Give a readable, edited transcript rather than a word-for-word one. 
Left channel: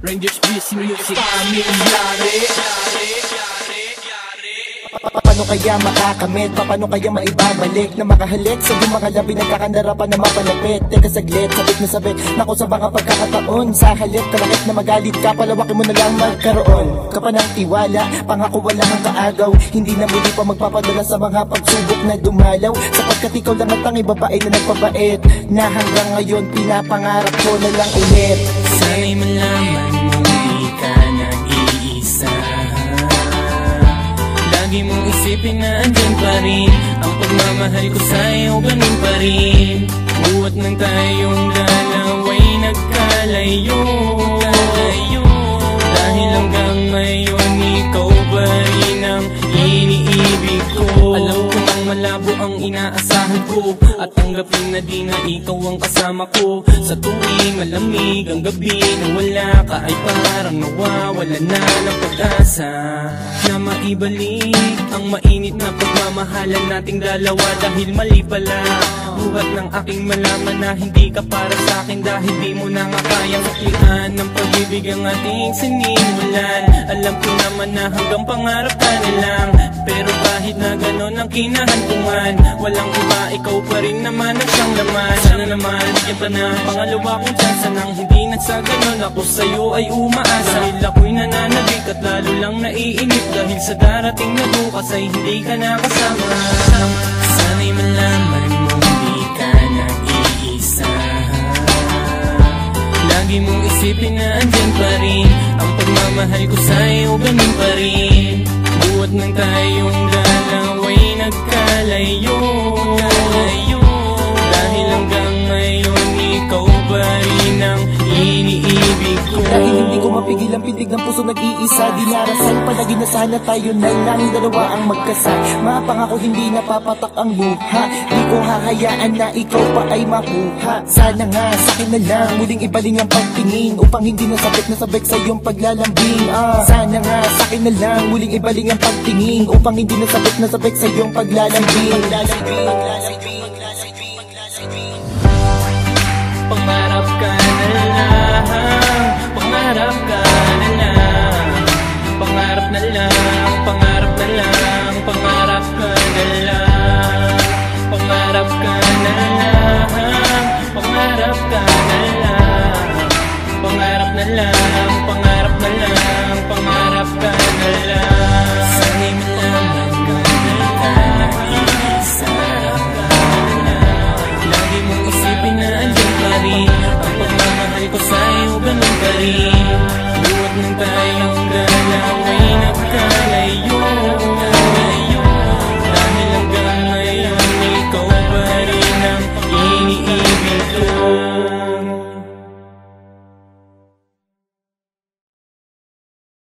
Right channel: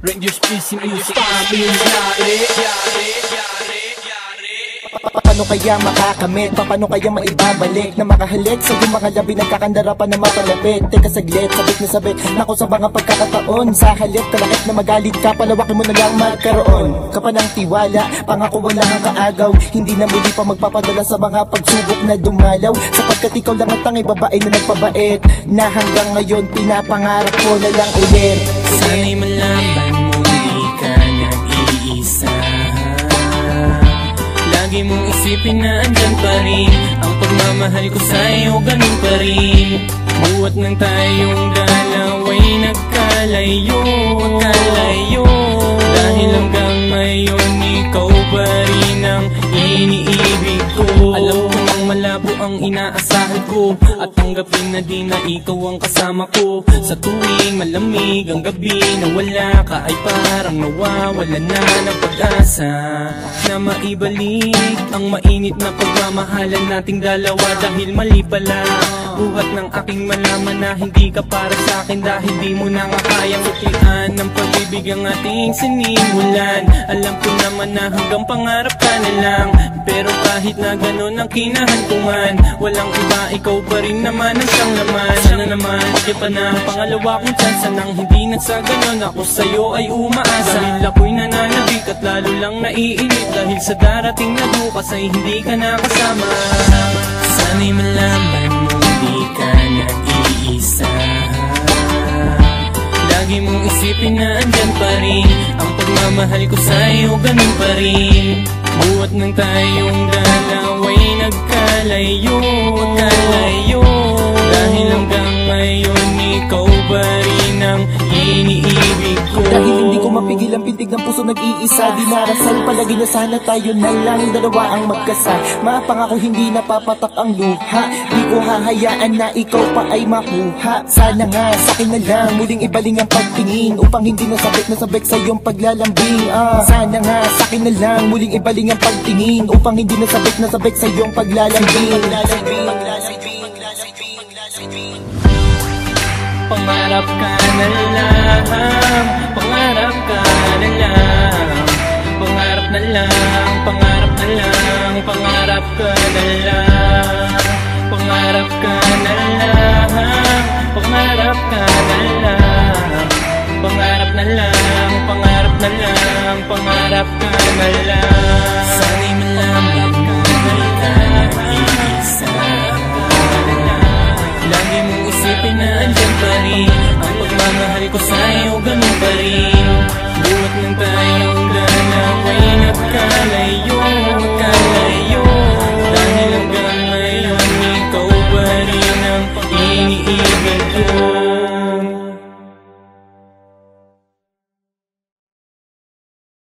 Rangers PC Music Pamilyari. Paano kaya makakamit? Paano kaya maibabalik na makahalik sa yung mga labi nagkakandara pa na mapalapit? Teka saglit, sabit na sabit nako sa mga pagkakataon. Sa halip kalakit na magalit ka, palawakin mo na lang magkaroon ka pa ng tiwala, pangako wala kang kaagaw. Hindi na muli pa magpapadala sa mga pagsubok na dumalaw, sapagkat ikaw lang ang tanging babae na nagpabait, na hanggang ngayon pinapangarap ko na lang ulit. Sana'y malaman mo di ka nag-iisa. Lagi mong isipin na andyan pa rin ang pagmamahal ko sa'yo, ganun pa rin. Buhat ng tayong dalawa'y nagkalayo, dahil hanggang ngayon ikaw pa rin ang iniibig ko. Alam ko nang malabo ang inaasahan ko, at tanggapin na di na ikaw ang kasama ko. Sa tuwing malamig ang gabi na wala ka, ay parang nawawala na ng pag-asa na maibalik ang mainit na pagmamahalan nating dalawa. Dahil mali pala buhat ng aking malaman na hindi ka para sa akin, dahil di mo na nga kayang suklian ng pag-ibig ang ating sinimulan. Alam ko naman na hanggang pangarap ka na lang, pero kahit na ganon ang kinahantungan, walang iba, ikaw pa rin naman ang siyang laman. Sana naman bigyan pa ng pangalawa kong chance, nang hindi na sa ganon ako sa'yo ay umaasa. Dahil ako'y nananabik at lalo lang naiinip, dahil sa darating na bukas ay hindi ka nakasama. Sana'y malaman mo di ka nag-iisa. Lagi mong isipin na andyan pa rin ang pagmamahal ko sa'yo, ganun pa rin. Buhat ng tayong dalawa'y nagkalayo, dahil hanggang ngayon ikaw pa rin ang iniibig ko. Dahil hindi ko mapigil ang pintig ng puso nag-iisa, dinarasal palagi na sana tayo na lang dalawa ang magkasal. Mapangako hindi napapatak ang luha, di ko hahayaan na ikaw pa ay makuha. Sana nga sa'kin na lang muling ibaling ang pagtingin, upang hindi nasabik sa iyong paglalambing. Sana nga sa'kin na lang muling ibaling ang pagtingin, upang hindi nasabik sa iyong paglalambing. Pangarap ka na lang, pangarap ka na lang, pangarap na lang, pangarap na lang, pangarap ka na lang, pangarap ka na lang, pangarap ka na lang, pangarap na lang, pangarap na lang, pangarap ka na lang. Sana'y malaman mo di ka nag-iisa. Lagi mong isipin na andyan pa rin ang pagmamahal ko sa'yo, ganun pa rin. Buhat ng tayong dalawa'y